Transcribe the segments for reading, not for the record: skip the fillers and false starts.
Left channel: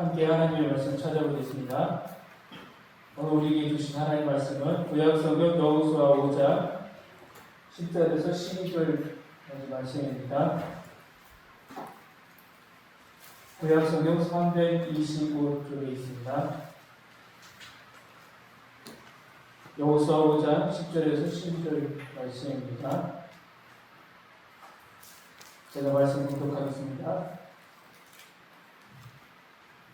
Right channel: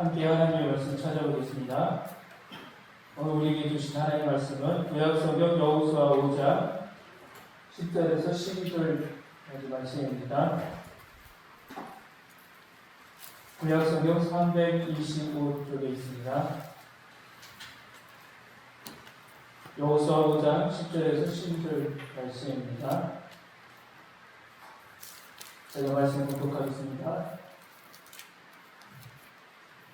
함께 하나님의 말씀 찾아보겠습니다. 오늘 우리에게 주신 하나님의 말씀은 구약성경 여호수아 5장 10절에서 12절까지 말씀입니다. 구약성경 325쪽에 있습니다. 여호수아 5장 10절에서 12절 말씀입니다. 제가 말씀 공독하겠습니다.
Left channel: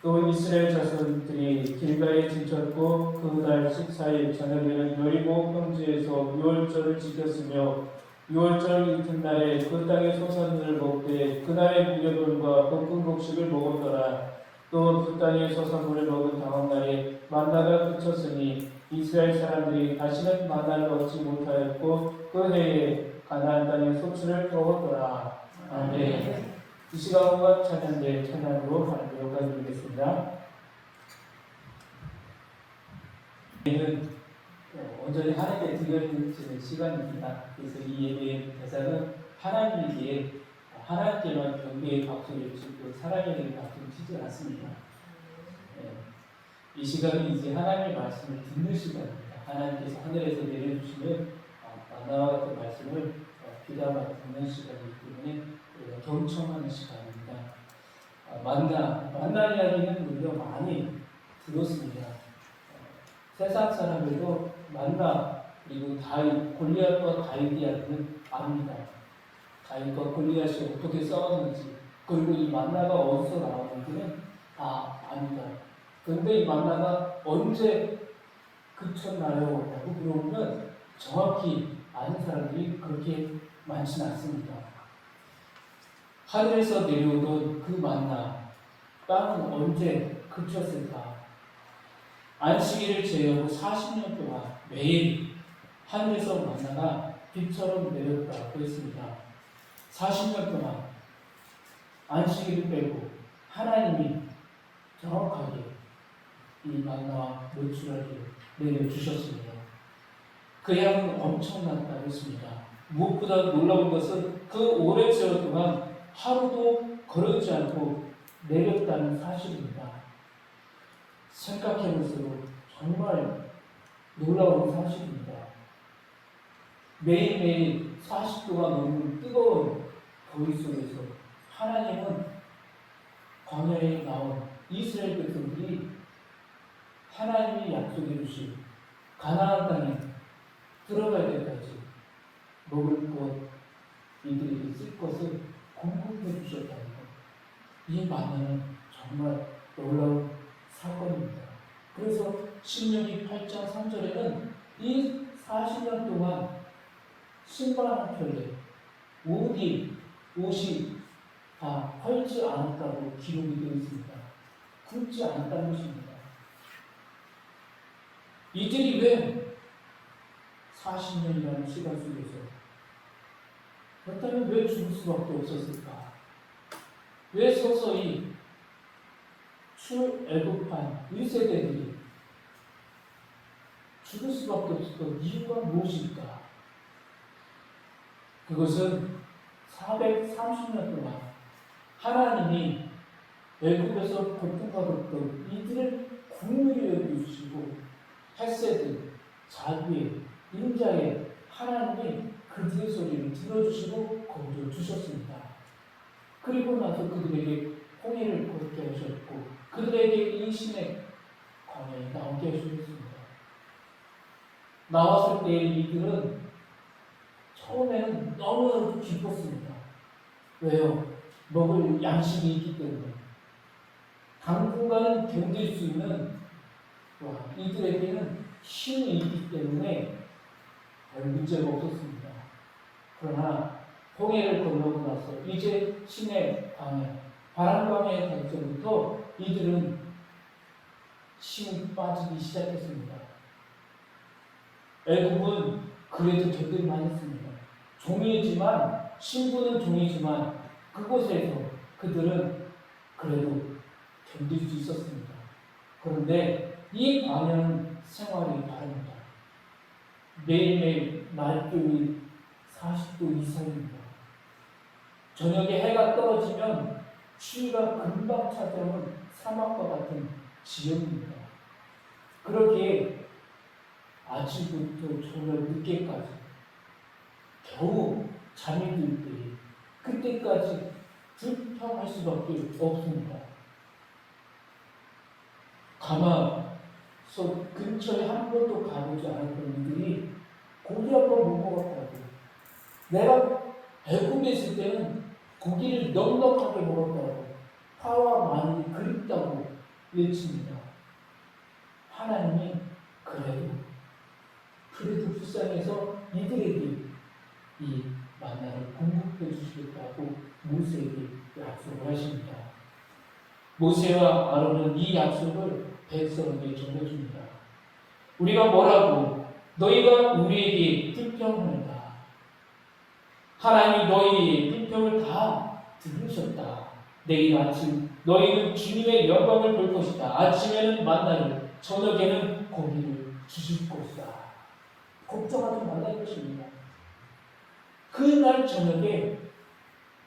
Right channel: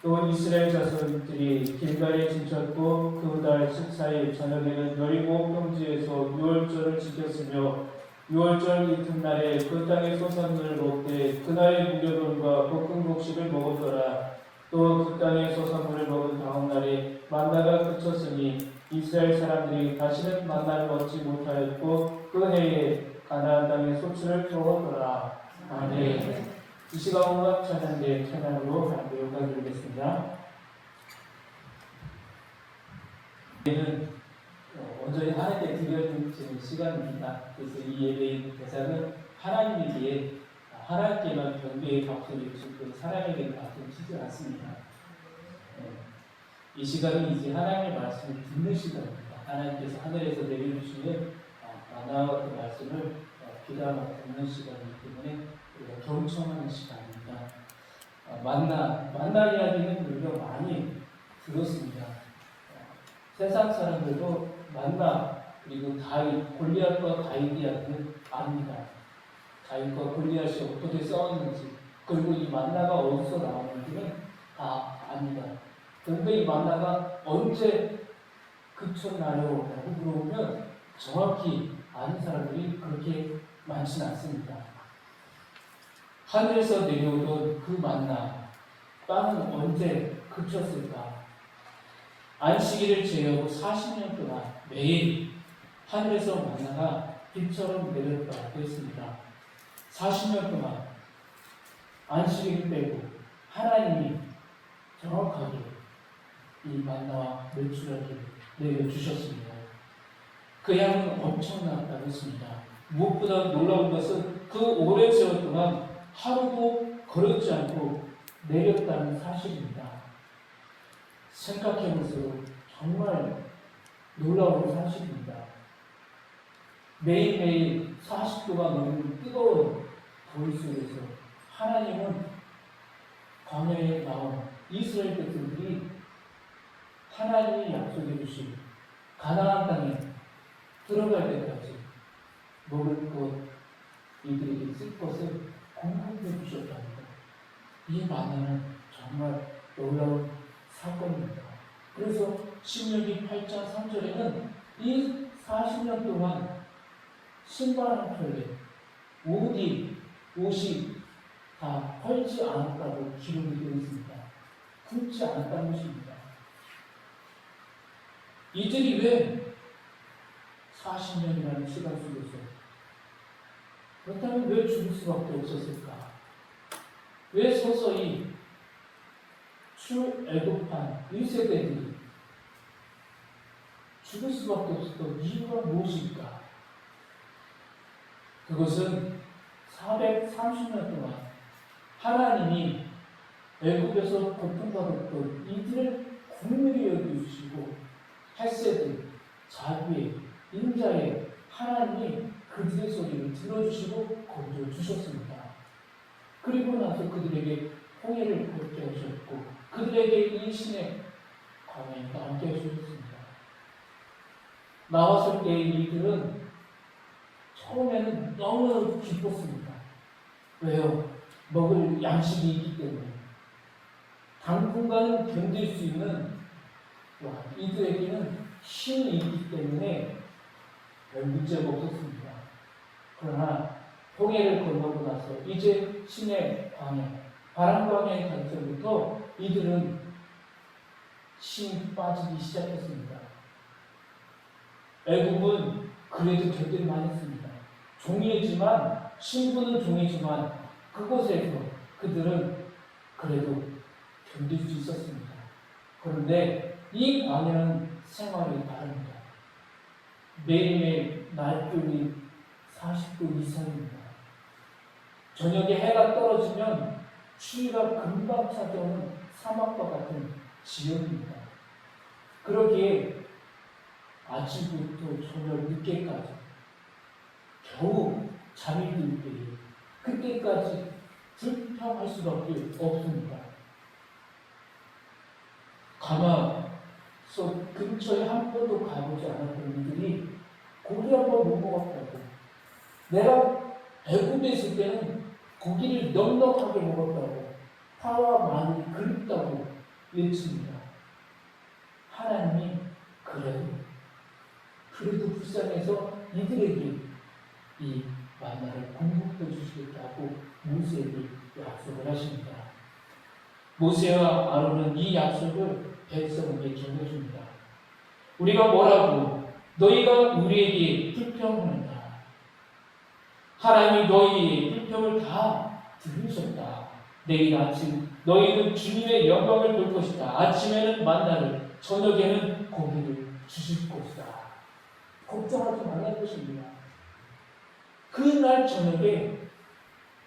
또 이스라엘 자손들이 길가에 진쳤고 그 달 14일 저녁에는 여리고 평지에서 유월절을 지켰으며 유월절 이튿날에 그 땅의 소산물을 먹되 그날의 무교돈과 볶은 곡식을 먹었더라. 또 그 땅의 소산물을 먹은 다음 날에 만나가 그쳤으니 이스라엘 사람들이 다시는 만나를 먹지 못하였고 그 해에 가나안 땅에 소출을 먹었더라. 아멘. 이 시간 호흡 찬양대 찬양으로 하나님께 영광드리겠습니다. 예배는 온전히 하나님께 드려지는 시간입니다. 그래서 이 예배의 대상은 하나님에게 하나님께만 경배의 박수를 치고 사람에게 박수를 치지 않습니다. 이 시간은 이제 하나님의 말씀을 듣는 시간입니다. 하나님께서 하늘에서 내려주시는 만나와 같은 말씀을 귀담아 듣는 시간이기 때문에 우리가 경청하는 시간입니다. 만나 이야기는 우리가 많이 들었습니다. 세상 사람들도 만나 그리고 골리앗과 다윗 이야기는 압니다. 다윗과 골리앗이 어떻게 싸웠는지 그리고 이 만나가 어디서 나오는지는 다 압니다. 그런데 이 만나가 언제 그쳤나요? 라고 물어보면 정확히 아는 사람들이 그렇게 많지는 않습니다. 하늘에서 내려오던 그 만나, 땅은 언제 그쳤을까? 안식일을 제외하고 40년 동안 매일 하늘에서 만나가 빛처럼 내렸다 그랬습니다. 40년 동안 안식일을 빼고 하나님이 정확하게 이 만나와 메추라기를 내려주셨습니다. 그 양은 엄청났다고 했습니다. 무엇보다 놀라운 것은 그 오랜 세월 동안 하루도 거르지 않고 내렸다는 사실입니다. 생각해보세요. 정말 놀라운 사실입니다. 매일매일 40도가 넘는 뜨거운 더위 속에서 하나님은 광야에 나온 이스라엘 백성들이 하나님이 약속해 주신 가나안 땅에 들어갈 때까지 먹을 것, 이들에게 쓸 것을 공급해 주셨다는 것. 이 만나는 정말 놀라운 사건입니다. 그래서 신명기 8장 3절에는 이 40년 동안 신발 한 켤레, 옷이 다 헐지 않았다고 기록이 되어 있습니다. 굶지 않았다는 것입니다. 이들이 왜 40년이라는 시간 속에서 그렇다면 왜 죽을 수밖에 없었을까? 왜 서서히 출애굽한 1세대들이 죽을 수밖에 없었던 이유가 무엇일까? 그것은 430년 동안 하나님이 애굽에서 고통받았던 이들을 국물이 여겨주시고 헤세드, 자비의, 인자의 하나님이 그들의 소리를 들어주시고 건져주셨습니다. 그리고 나서 그들에게 홍해를 걷게 하셨고 그들에게 이 신의 광야에 나오게 해주셨습니다. 나왔을 때 이들은 처음에는 너무너무 기뻤습니다. 왜요? 먹을 양식이 있기 때문에. 당분간 견딜 수 있는 이들에게는 힘이 있기 때문에 별 문제가 없었습니다. 그러나 홍해를 건너고 나서 이제 신의 방해, 바람방해의 단서부터 이들은 힘이 빠지기 시작했습니다. 애굽은 그래도 견딜만 했습니다. 종이지만 신부는 종이지만 그곳에서 그들은 그래도 견딜 수 있었습니다. 그런데 이 광야는 생활이 다릅니다. 매일매일 날씨이 40도 이상입니다. 저녁에 해가 떨어지면 추위가 금방 찾아오는 사막과 같은 지역입니다. 그러기에 아침부터 저녁 늦게까지 겨우 잠이 들 때에 그때까지 불평할 수밖에 없습니다. 가마솥 근처에 한 번도 가보지 않았던 이들이 고기 한 번 못 먹었다고, 내가 배고프게 있을 때는 고기를 넉넉하게 먹었다고, 파와 마늘이 그립다고 외칩니다. 하나님이 그래도 불쌍해서 이들에게 이 만나를 공급해 주시겠다고 모세에게 약속을 하십니다. 모세와 아론은 이 약속을 백성에게 전해줍니다. 우리가 뭐라고? 너희가 우리에게 불평하는다. 하나님이 너희의 불평을 다 들으셨다. 내일 아침 너희는 주님의 영광을 볼 것이다. 아침에는 만나를, 저녁에는 고기를 주실 것이다. 걱정하지 말라는 것입니다. 그날 저녁에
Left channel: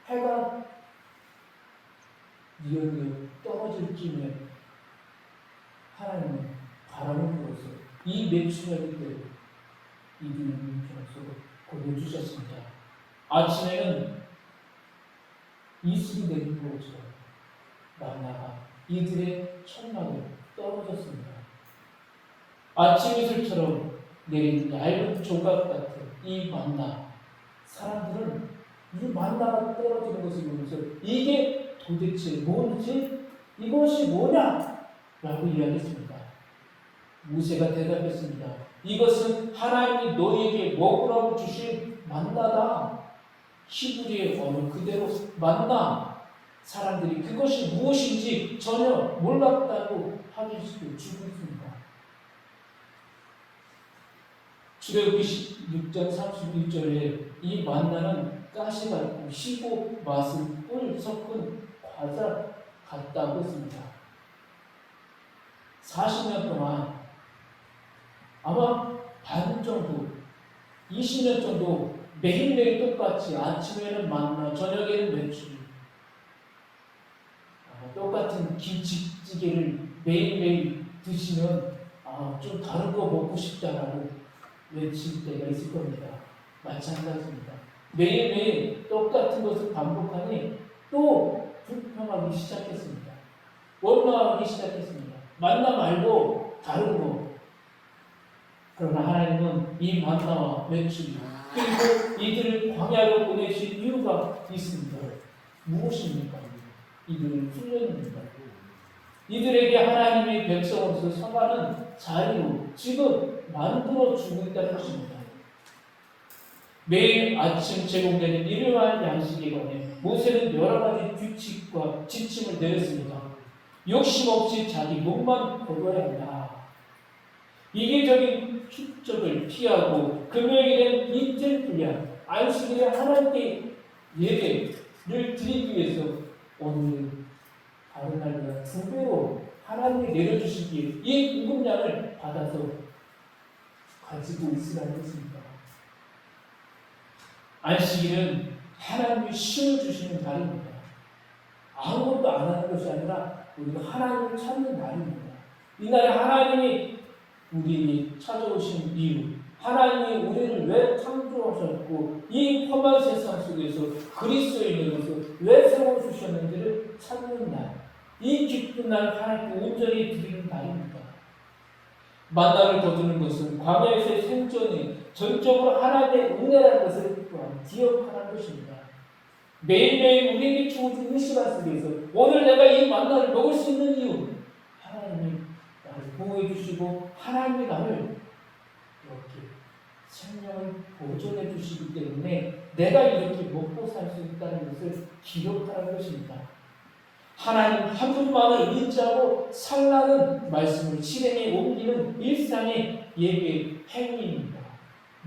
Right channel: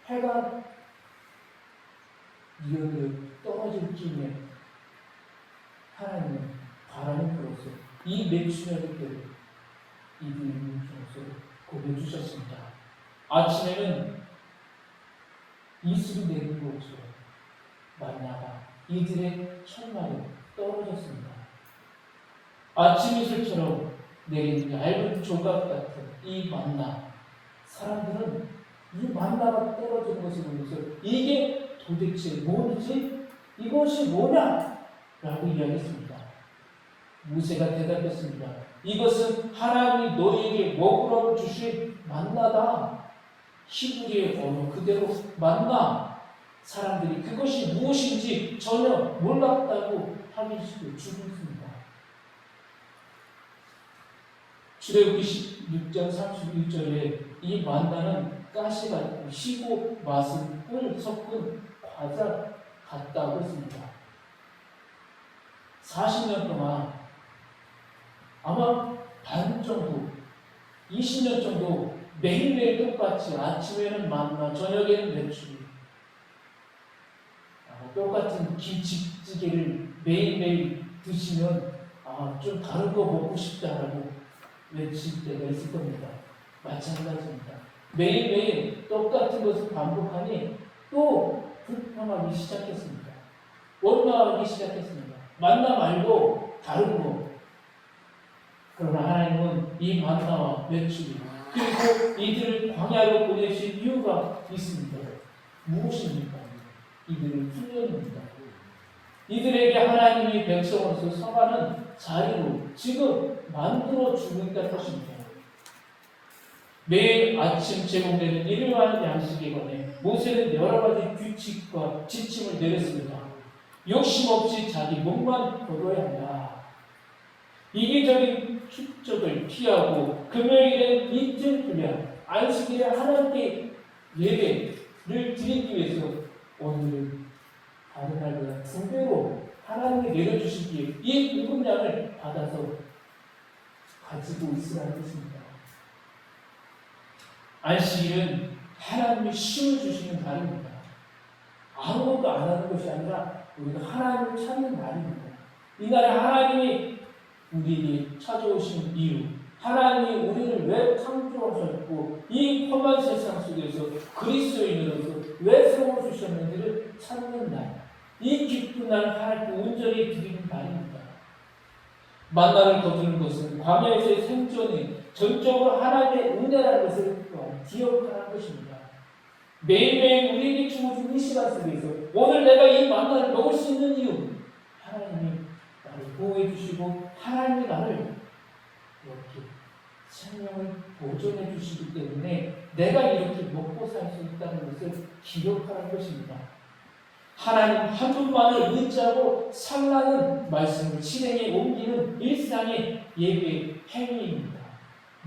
해가 뉘어져 떨어질 쯤에 하나님은 바람을 불어서 이 메추라기 때를 이들의 눈으로 고개 주셨습니다. 아침에는 이슬이 내리는 것처럼 만나가 이들의 천막에 떨어졌습니다. 아침 이슬처럼 내리는 얇은 조각 같은 이 만나, 사람들은 이 만나가 떨어지는 것을 보면서 이게 도대체 뭐지? 이것이 뭐냐? 라고 이야기했습니다. 모세가 대답했습니다. 이것은 하나님이 너희에게 먹으라고 주신 만나다. 히브리의 언어 그대로 만나. 사람들이 그것이 무엇인지 전혀 몰랐다고 하기 수도 주고 있습니다. 출애굽기 16장 31절에 이 만나는 가시 같고 시고 맛은 꿀 섞은 과자 같다고 했습니다. 40년 동안 아마 반 정도, 20년 정도 매일매일 똑같이 아침에는 만나, 저녁에는 메추리, 똑같은 김치찌개를 매일매일 드시면 좀 다른 거 먹고 싶다라고 외칠 때가 있을 겁니다. 마찬가지입니다. 매일매일 똑같은 것을 반복하니 또 불평하기 시작했습니다. 원망하기 시작했습니다. 만나 말고 다른 거. 그러나 하나님은 이 만나와 메추리 그리고 이들을 광야로 보내신 이유가 있습니다. 무엇입니까? 이들을 훈련입니다. 이들에게 하나님의 백성으로서 서가는 자리로 지금 만들어 주고 있다는 것입니다. 매일 아침 제공되는 일용할 양식에 관해 모세는 여러 가지 규칙과 지침을 내렸습니다. 욕심 없이 자기 목만 거둬야 한다. 이기적인 축적을 피하고 금요일엔 이틀 분량, 안식일에 하나님께 예배를 드리기 위해서 오늘 다른 날보다 2배로 하나님이 내려주시기에 이 공급량을 받아서 가지고 있으라는 것입니다. 안식일은 하나님이 씌워주시는 날입니다. 아무것도 안 하는 것이 아니라 우리가 하나님을 찾는 날입니다. 이 날에 하나님이 우리에게 찾아오신 이유, 하나님이 우리를 왜 창조하셨고 이 험한 세상 속에서 그리스도인으로서 왜 세워주셨는지를 찾는 날, 이 기쁜 날 하나님께 온전히 드리는 날입니다. 만나를 거두는 것은 광야에서의 생존이 전적으로 하나님의 은혜라는 것을 또한 기억하는 것입니다. 매일매일 우리에게 주어진 이 시간 속에서 오늘 내가 이 만나를 먹을 수 있는 이유, 하나님이 나를 보호해 주시고 하나님이 나를 이렇게 생명을 보존해 주시기 때문에 내가 이렇게 먹고 살 수 있다는 것을 기억하는 것입니다. 하나님 한 분만을 의지하고 살라는 말씀을 실행에 옮기는 일상의 예배 행위입니다.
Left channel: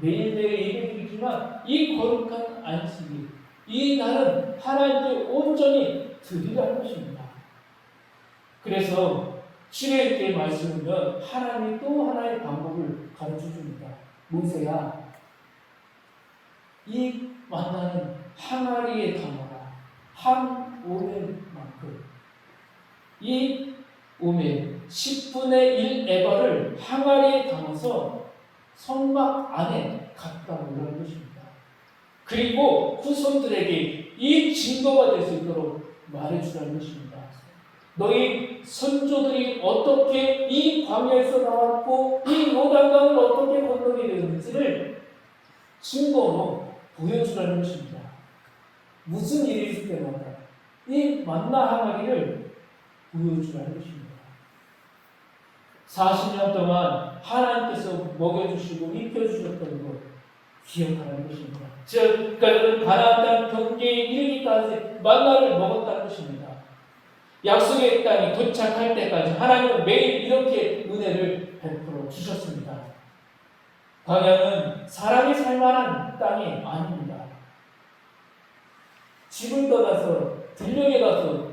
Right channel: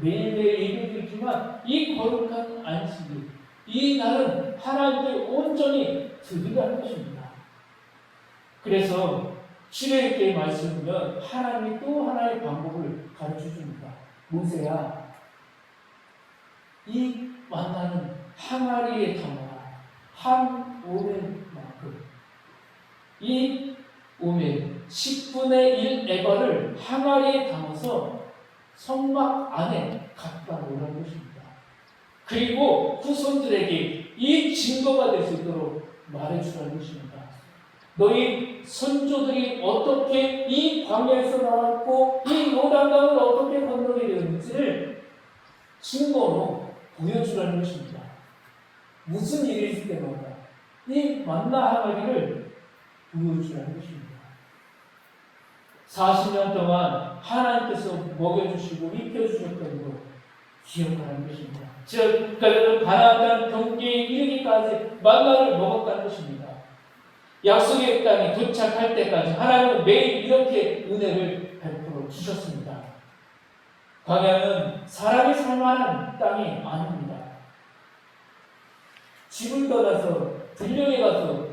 매일매일 예배드리지만 이 거룩한 안식일, 이 날은 하나님께 온전히 드리라는 것입니다. 그래서 출애굽기 말씀은 하나님이 또 하나의 방법을 가르쳐 줍니다. 모세야, 이 만나는 항아리에 담아라. 한 오랜만큼. 이 오멜 10분의 1 에바를 항아리에 담아서 성막 안에 갖다 놓으라는 것입니다. 그리고 후손들에게 이 증거가 될 수 있도록 말해주라는 것입니다. 너희 선조들이 어떻게 이 광야에서 나왔고 이 요단강을 어떻게 건너게 되었는지를 증거로 보여주라는 것입니다. 무슨 일이 있을 때마다 이 만나 항아리를 보여주라는 것입니다. 40년 동안 하나님께서 먹여주시고 입혀주셨던 것 기억하는 것입니다. 즉 그들은 가나안 땅 경계에 이르기까지 만나를 먹었다는 것입니다. 약속의 땅이 도착할 때까지 하나님은 매일 이렇게 은혜를 베풀어 주셨습니다. 광야는 사람이 살만한 땅이 아닙니다. 집을 떠나서 들녘에 가서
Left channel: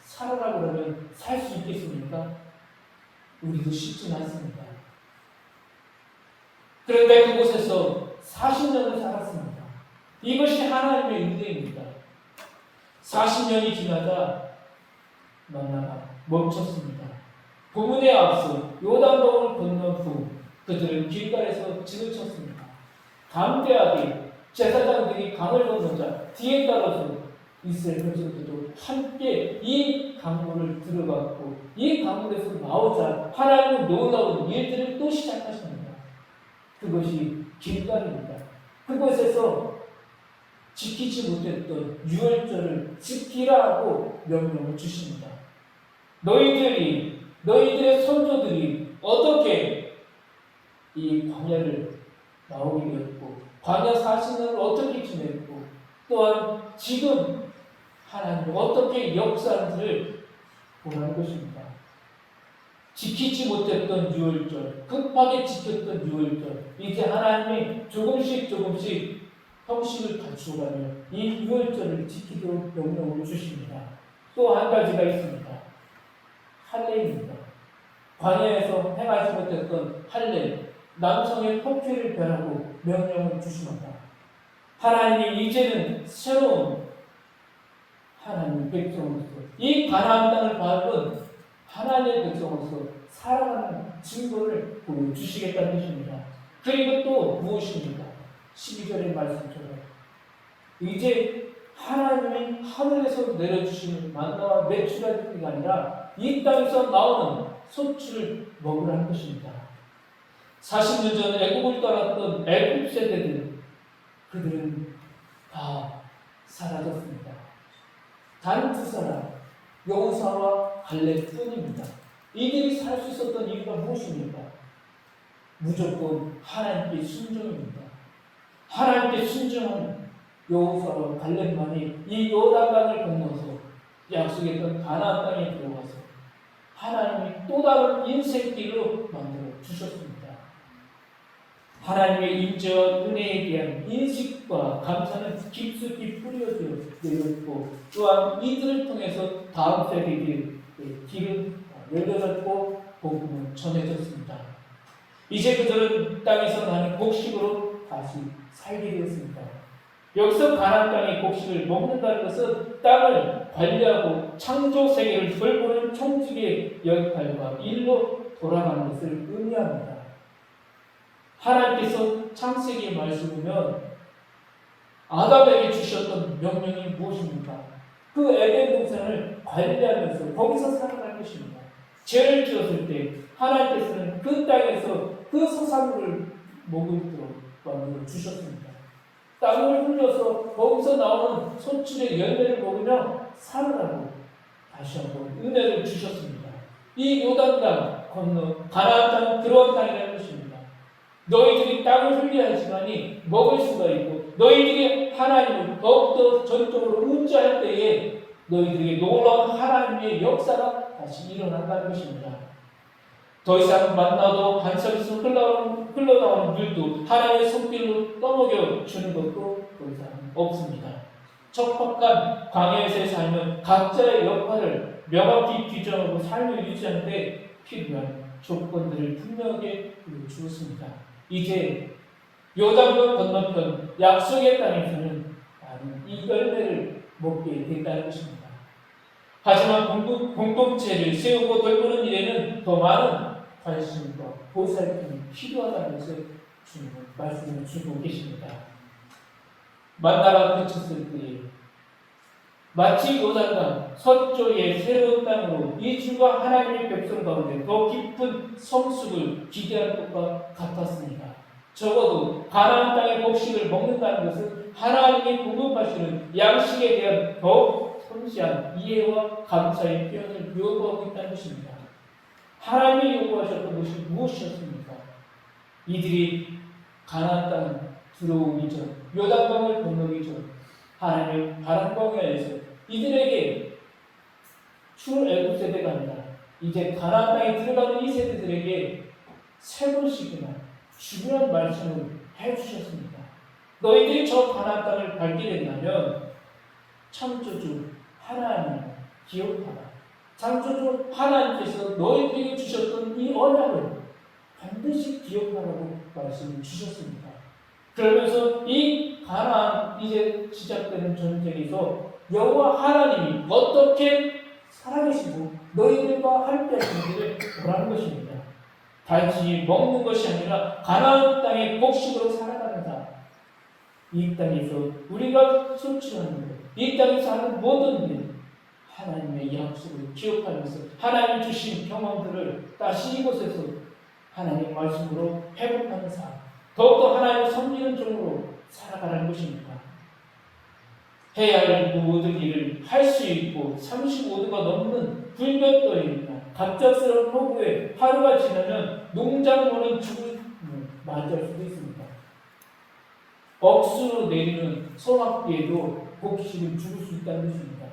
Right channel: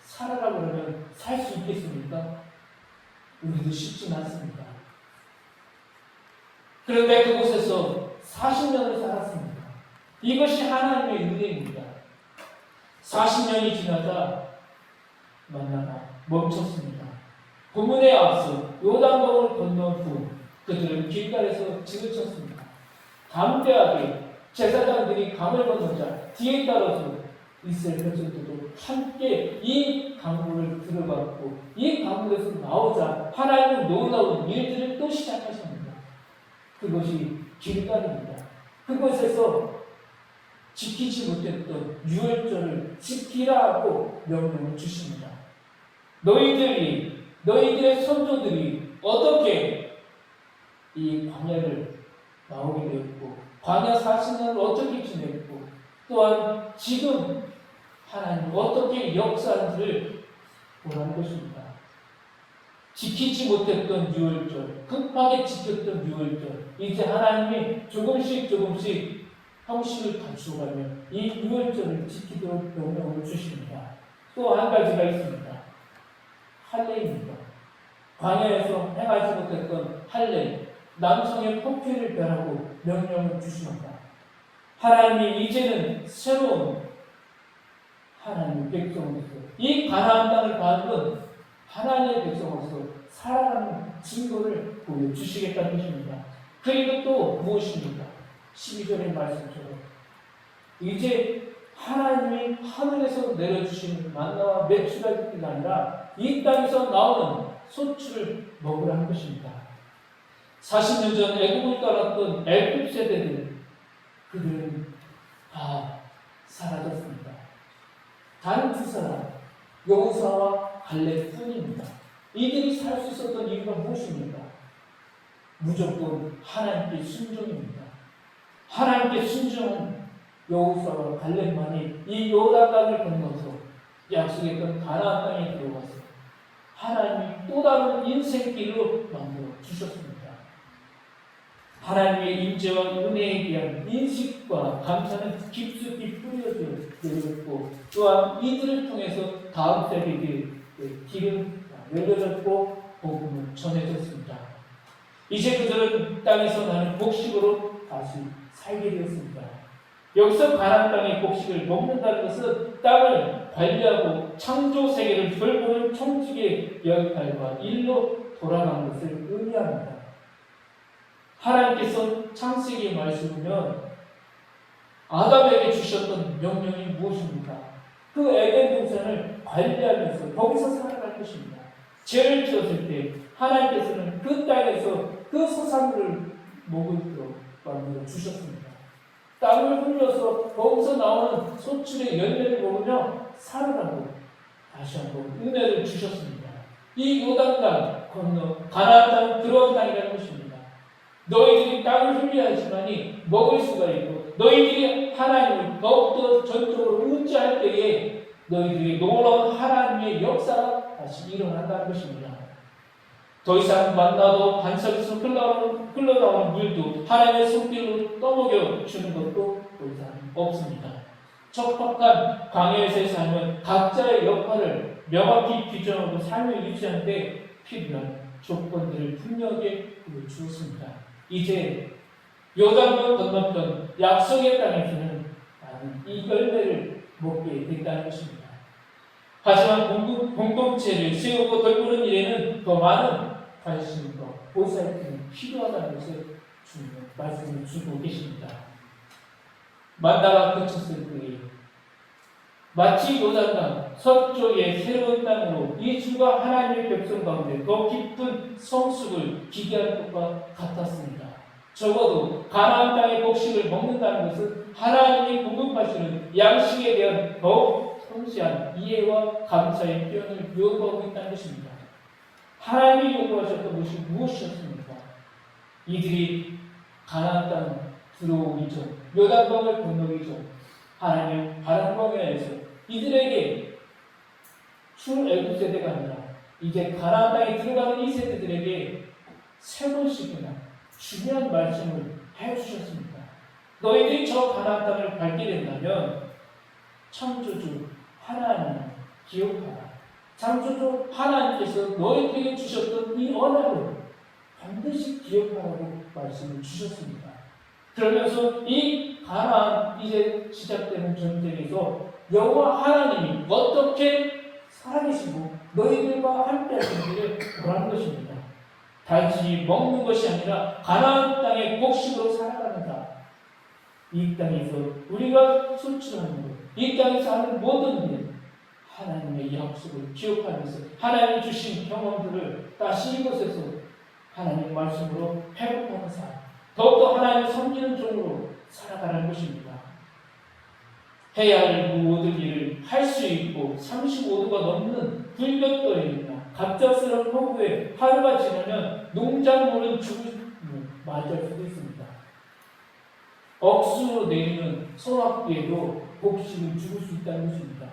살아라고 하면 살 수 있겠습니까? 우리도 쉽지는 않습니다. 그런데 그곳에서 40년을 살았습니다. 이것이 하나님의 은혜입니다. 40년이 지나자 만나가 멈췄습니다. 본문에 앞서 요단강을 건넌 후 그들은 길가에서 지그쳤습니다. 담대하게 제사장들이 강을 건너자 뒤에 따라서 이스라엘 백성들도 함께 이 강물을 들어갔고 이 강물에서 나오자 하나님의 놀라운 일들을 또 시작하십니다. 그것이 길가입니다. 그곳에서 지키지 못했던 유월절을 지키라고 명령을 주십니다. 너희들의 선조들이 어떻게 이 광야를 나오게 되었고 광야 40년을 어떻게 지냈고 또한 지금 하나님이 어떻게 역사하는지를 보라는 것입니다. 지키지 못했던 유월절, 급하게 지켰던 유월절, 이제 하나님이 조금씩 형식을 갖추어가며 이 유월절을 지키도록 명령을 주십니다. 또 한 가지가 있습니다. 할례입니다. 광야에서 행하지 못했던 할례, 남성의 포피를 배라고 명령을 주십니다. 하나님이 이제는 새로운 하나님의 백성으로서 이 가나안 땅을 밟은 하나님의 백성으로서 살아가는 증거를 보여주시겠다는 것입니다. 그리고 또 무엇입니까? 12절의 말씀처럼 이제 하나님이 하늘에서 내려주시는 만나와 메추라기가 아니라 이 땅에서 나오는 소출을 먹으라는 것입니다. 40년 전 애국을 떠났던 애국 세대들 그들은 다 사라졌습니다. 다른 두 사람 여호수아와 갈렙뿐입니다. 이들이 살 수 있었던 이유가 무엇입니까? 무조건 하나님께 순종입니다. 하나님께 순종한 여호수아와 갈렙만이 이 요단강을 건너서 약속의 땅 가나안 땅에 들어가서 하나님이 또 다른 인생길로 만들어 주셨습니다. 하나님의 임재와 은혜에 대한 인식과 감사는 깊숙이 뿌려져 있고 또한 이들을 통해서 다음 세대에게 길은 열려졌고 복음은 전해졌습니다. 이제 그들은 땅에서 나는 곡식으로 다시 살게 되었습니다. 여기서 가나안 땅의 곡식을 먹는다는 것은 땅을 관리하고 창조 세계를 돌보는 총직의 역할과 일로 돌아가는 것을 의미합니다. 하나님께서 창세기 말씀 보면 아담에게 주셨던 명령이 무엇입니까? 그 에덴 동산을 관리하면서 거기서 살아갈 것입니다. 죄를 지었을 때 하나님께서는 그 땅에서 그 소산물을 먹도록 만들어 주셨습니다. 땅을 흘려서 거기서 나오는 소출의 열매를 먹으며 살으라고 다시 한번 은혜를 주셨습니다. 이 요단강 건너 가나안 땅 그런 땅이라는 것입니다. 너희들이 땅을 흘려야지만이 먹을 수가 있고 너희들이 하나님을 더욱더 전적으로 의지할 때에 너희들에게 놀라운 하나님의 역사가 다시 일어난다는 것입니다. 더 이상 만나도 반석에서 흘러나오는 물도 하나님의 손길로 떠먹여 주는 것도 더 이상 없습니다. 척박한 광야에서의 삶은 각자의 역할을 명확히 규정하고 삶을 유지하는 데 필요한 조건들을 분명하게 보여주었습니다. 이제 요단강 건너편 약속의 땅에서는 나는 이 열매를 먹게 된다는 것입니다. 하지만 공동체를 세우고 돌보는 일에는 더 많은 관심과 보살핌이 필요하다는 것을 주님은 말씀을 주고 계십니다. 만나가 그쳤을 때에 마치 요단강 서쪽의 새로운 땅으로 이주가 하나님의 백성 가운데 더 깊은 성숙을 기대할 것과 같았습니다. 적어도 가나안 땅의 곡식을 먹는다는 것은 하나님이 공급하시는 양식에 대한 더욱 섬세한 이해와 감사의 표현을 요구하고 있다는 것입니다. 하나님이 요구하셨던 것이 무엇이었습니까? 이들이 가나안 땅 들어오기 전, 요단강을 건너기 전 하나님의 바람광야에서 이들에게 출애굽 세대가 아니라 이제 가나안 땅에 들어가는 이 세대들에게 세 번씩이나 중요한 말씀을 해주셨습니다. 너희들이 저 가나안 땅을 밟게 된다면 창조주 하나님 기억하라. 창조주 하나님께서 너희들에게 주셨던 이 언약을 반드시 기억하라고 말씀을 주셨습니다. 그러면서 이 가나안 이제 시작되는 전쟁에서 여호와 하나님이 어떻게 살아계시고 너희들과 함께 하시는지를 보라는 것입니다. 단순히 먹는 것이 아니라 가나안 땅의 곡식으로 살아가는다. 이 땅에서 우리가 소출하는 것, 이 땅에서 하는 모든 일, 하나님의 약속을 기억하면서 하나님 주신 경험들을 다시 이곳에서 하나님의 말씀으로 회복하는 삶, 더욱더 하나님을 섬기는 종으로 살아가는 것입니다. 해야 할 모든 일을 할 수 있고 35도가 넘는 불볕더위나 갑작스러운 폭우에 하루가 지나면 농작물은 죽음을 맞이할 수도 있습니다. 억수로 내리는 성악비에도 곡식은 죽을 수 있다는 것입니다.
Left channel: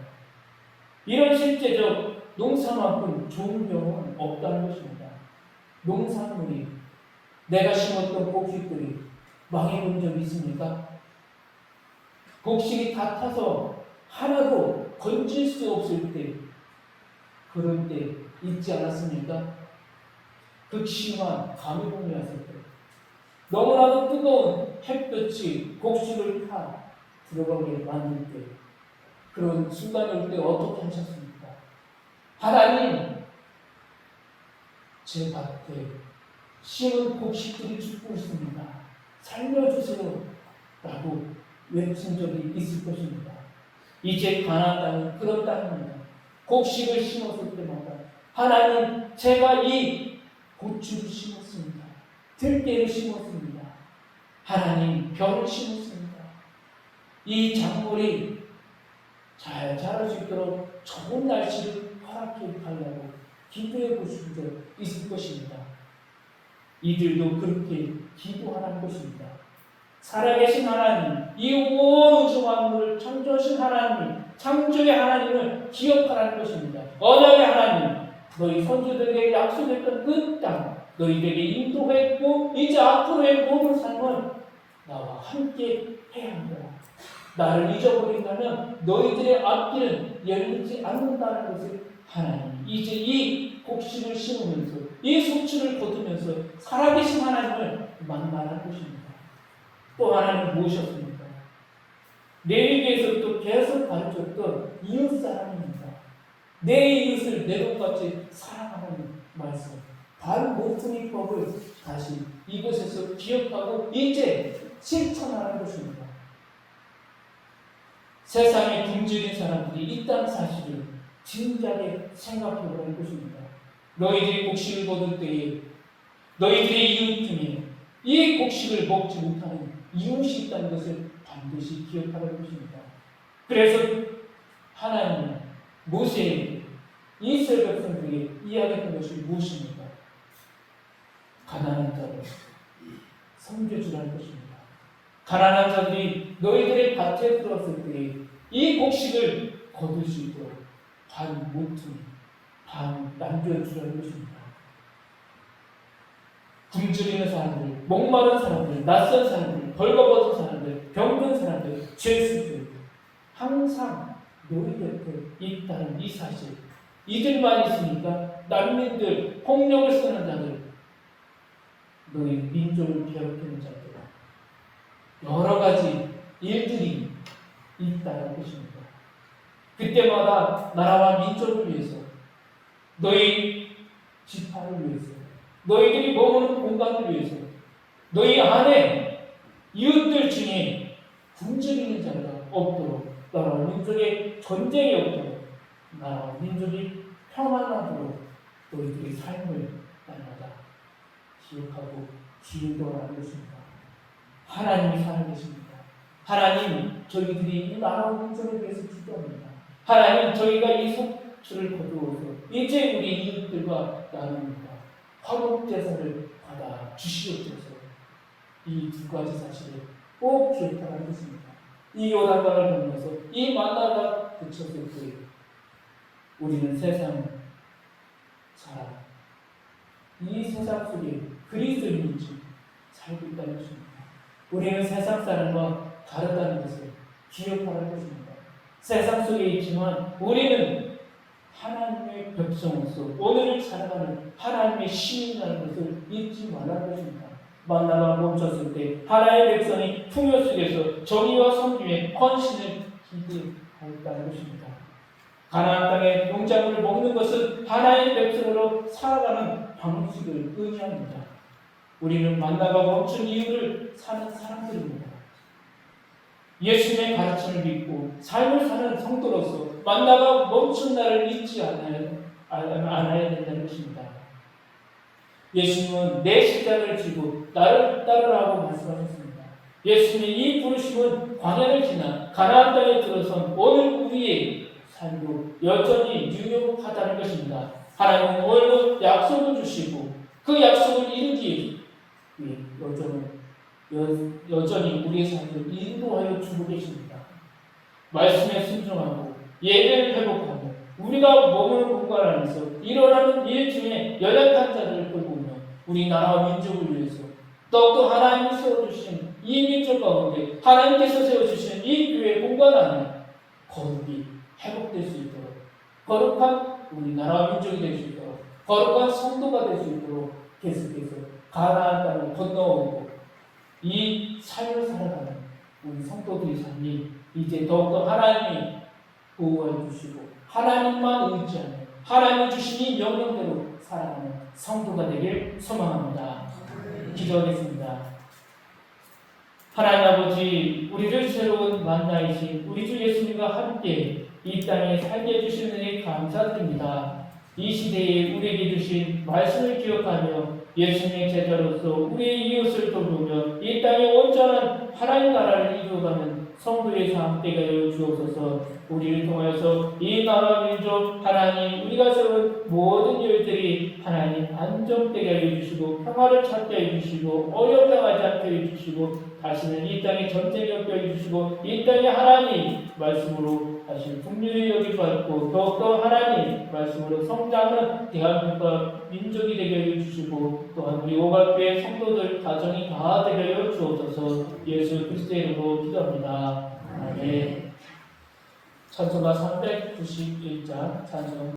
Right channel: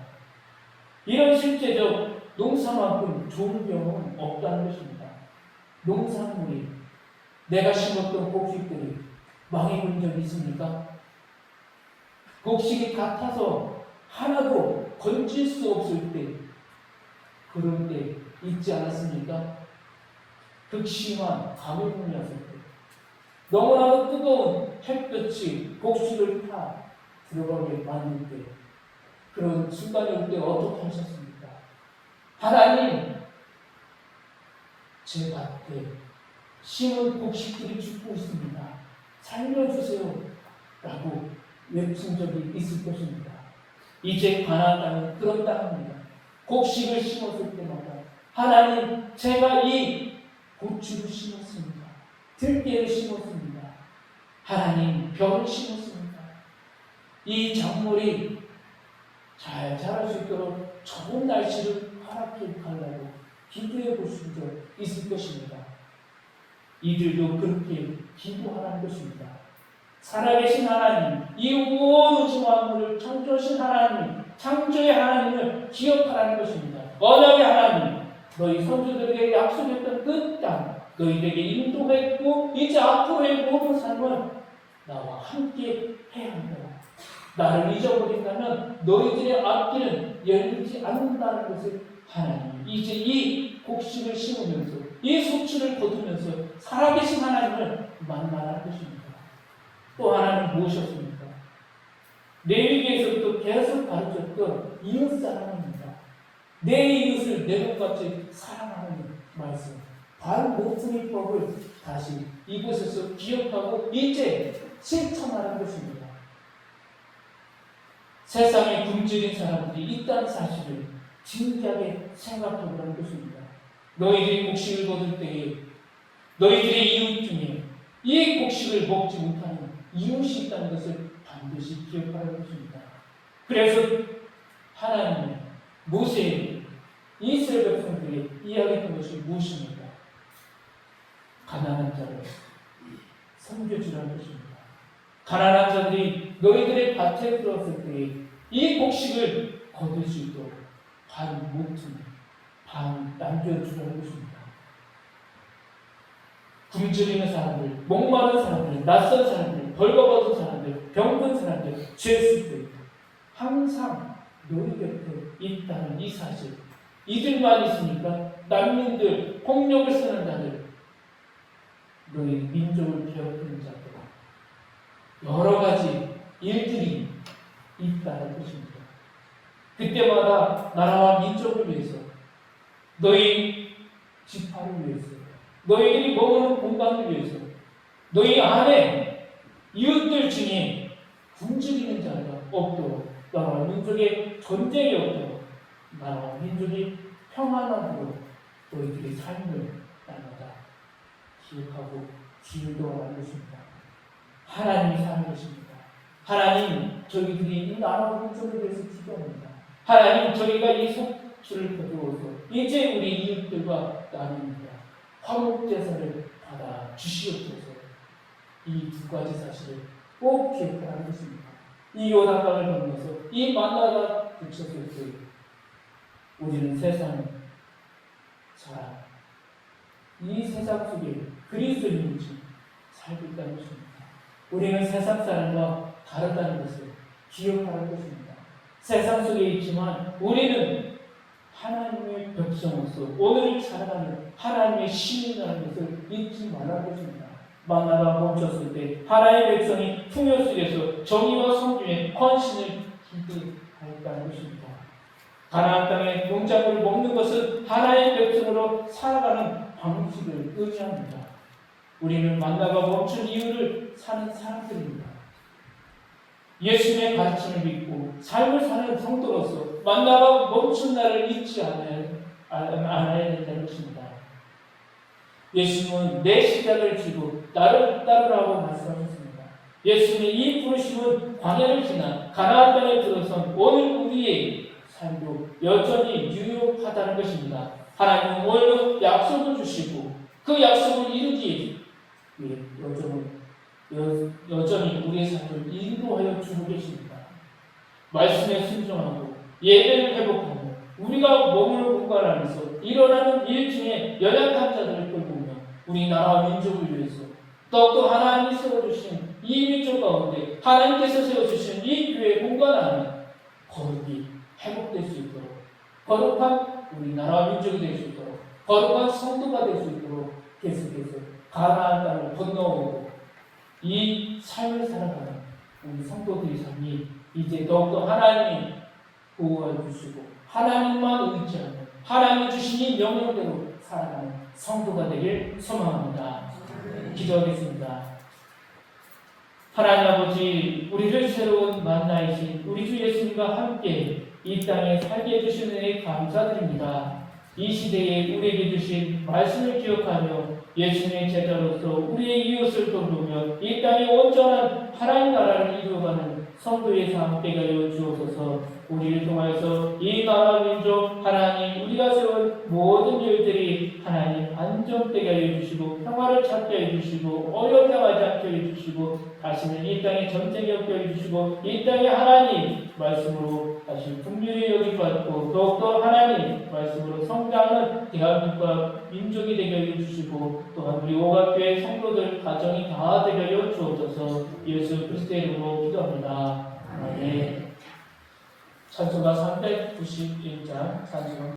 이런 실제적 농사만큼 좋은 경우는 없다는 것입니다. 농산물이 내가 심었던 곡식들이 망해본 적이 있습니까? 곡식이 다 타서 하나도 건질 수 없을 때, 그런 때 있지 않았습니까? 극심한 가뭄이 왔을 때, 너무나도 뜨거운 햇볕이 곡식을 타 들어가게 만들 때, 그런 순간이 올 때 어떻게 하셨습니까? 하나님, 제 밭에 심은 곡식들이 죽고 있습니다. 살려주세요. 라고 외친 적이 있을 것입니다. 이제 가나안 땅은 그런 땅입니다. 곡식을 심었을 때마다 하나님, 제가 이 고추를 심었습니다. 들깨를 심었습니다. 하나님, 벼를 심었습니다. 이 작물이 잘 자랄 수 있도록 좋은 날씨를 허락해 달라고 기도해 보신 적 있을 것입니다. 이들도 그렇게 기도하는 것입니다. 살아계신 하나님, 이 온 우주 만물을 창조하신 하나님, 창조의 하나님을 기억하라는 것입니다. 언약의 하나님, 너희 선조들에게 약속했던 그 땅, 너희에게 인도했고 이제 앞으로의 모든 삶은 나와 함께 해야 한다. 나를 잊어버린다면 너희들의 앞길은 열리지 않는다는 것을 하나님, 이제 이 곡식을 심으면서 이 소출을 거두면서 살아계신 하나님을 만나는 것입니다. 또 하나는 무엇이었습니까? 레위기에서 또 계속 가르쳤던 이웃사랑입니다. 내 이웃을 내 것같이 사랑하는 말씀, 반모퉁이법을 다시 이곳에서 기억하고 이제 실천하는 것입니다. 세상에 굶주린 사람들이 있다는 사실을 진지하게 생각해보라는 것입니다. 너희들이 곡식을 거둘 때에 너희들의 이웃 중에 이 곡식을 먹지 못하는 이웃이 있다는 것을 반드시 기억하라는 것입니다. 그래서 하나님은 모세에게 이스라엘 백성들에게 이야기했던 것이 무엇입니까? 가난한 자를 섬겨주라는 것입니다. 가난한 자들이 너희들의 밭에 들어왔을 때 이 곡식을 거둘 수 있도록 반 모퉁이, 반 남겨주라는 것입니다. 굶주리는 사람들, 목마른 사람들, 낯선 사람들, 벌거벗은 사람들, 병든 사람들, 죄수들 항상 너희 곁에 있다는 이 사실, 이들만 있으니까 난민들, 폭력을 쓰는 자들, 너희 민족을 괴롭히는 자들, 여러 가지 일들이 있다는 것입니다. 그때마다 나라와 민족을 위해서, 너희 지파를 위해서, 너희들이 머무는 공간을 위해서, 너희 안에 이웃들 중에 굶주리는 자가 없도록, 나라와 민족의 전쟁이 없도록, 나라와 민족이 평안하도록 너희들의 삶을 날마다 기억하고 기도하라는 것입니다. 하나님이 살아계십니다. 하나님, 저희들이 이 나라와 민족을 위해서 기도합니다. 하나님, 저희가 이 속주를 거두어서 이제 우리 이웃들과 나눕니다. 화목제사를 받아 주시옵소서. 이 두 가지 사실을 꼭 기억하라는 것입니다. 이 요단강을 건너서 이 만나가 그쳤을 때 우리는 세상 살아 이 세상 속에 그리스도인인지 살고 있다는 것입니다. 우리는 세상 사람과 다르다는 것을 기억하라는 것입니다. 세상 속에 있지만 우리는 하나님의 백성으로서 오늘을 살아가는 하나님의 시민이라는 것을 잊지 말라는 것입니다. 만나가 멈췄을 때 하나님의 백성이 풍요 속에서 정의와 성품의 헌신을 기대하였다는 것입니다. 가나안 땅의 농작물을 먹는 것은 하나님의 백성으로 살아가는 방식을 의미합니다. 우리는 만나가 멈춘 이유를 사는 사람들입니다. 예수님의 가르침을 믿고 삶을 사는 성도로서 만나가 멈춘 날을 잊지 않아야 된다는 것입니다. 예수님은 내 십자가를 지고 나를 따르라고 말씀하셨습니다. 예수님의 이 부르심은 광야를 지나 가나안 땅에 들어선 오늘 우리의 삶도 여전히 유효하다는 것입니다. 하나님은 오늘도 약속을 주시고 그 약속을 이루기 위해 여전히 우리의 삶을 인도하여 주고 계십니다. 말씀에 순종하고 예배를 회복하고 우리가 머무는 공간 안에서 일어나는 일 중에 연약한 자들을 돌보며 우리 나라와 민족을 위해서 더욱더 하나님이 세워주신 이 민족 가운데 하나님께서 세워주신 이 교회 공간 안에 거룩이 회복될 수 있도록, 거룩한 우리 나라와 민족이 될 수 있도록, 거룩한 성도가 될 수 있도록 계속해서 가나안 땅을 건너오고 이 삶을 살아가는 우리 성도들의 삶이 이제 더욱더 하나님이 보호해 주시고 하나님만 의지하는 하나님이 주신 이 명령대로 살아가는 성도가 되길 소망합니다. 기도하겠습니다. 하나님 아버지, 우리를 새로운 만나이신 우리 주 예수님과 함께 이 땅에 살게 해주신 은혜에 감사드립니다. 이 시대에 우리에게 주신 말씀을 기억하며 예수님의 제자로서 우리의 이웃을 돌보며 이 땅에 온전한 하나님 나라를 이루어가는 성도의 삶 되게 하여 주옵소서. 우리를 통해서 이 나라 민족 하나님 우리가 세운 모든 일들이 하나님 안정되게 하여 주시고 평화를 찾게 해 주시고 어려움당하지 않게 해 주시고 다시는 이 땅에 전쟁이 없게 해 주시고 이 땅에 하나님 말씀으로 다시 풍요를 여기지 않고 더욱더 하나님 말씀으로 성장하는 대한민국과 민족이 되게 해 주시고 또한 우리 오각교회 성도들 가정이 다 되게 하여 주옵소서. 예수 그리스도의 이름으로 기도합니다. 아멘. 찬송가 391장 찬송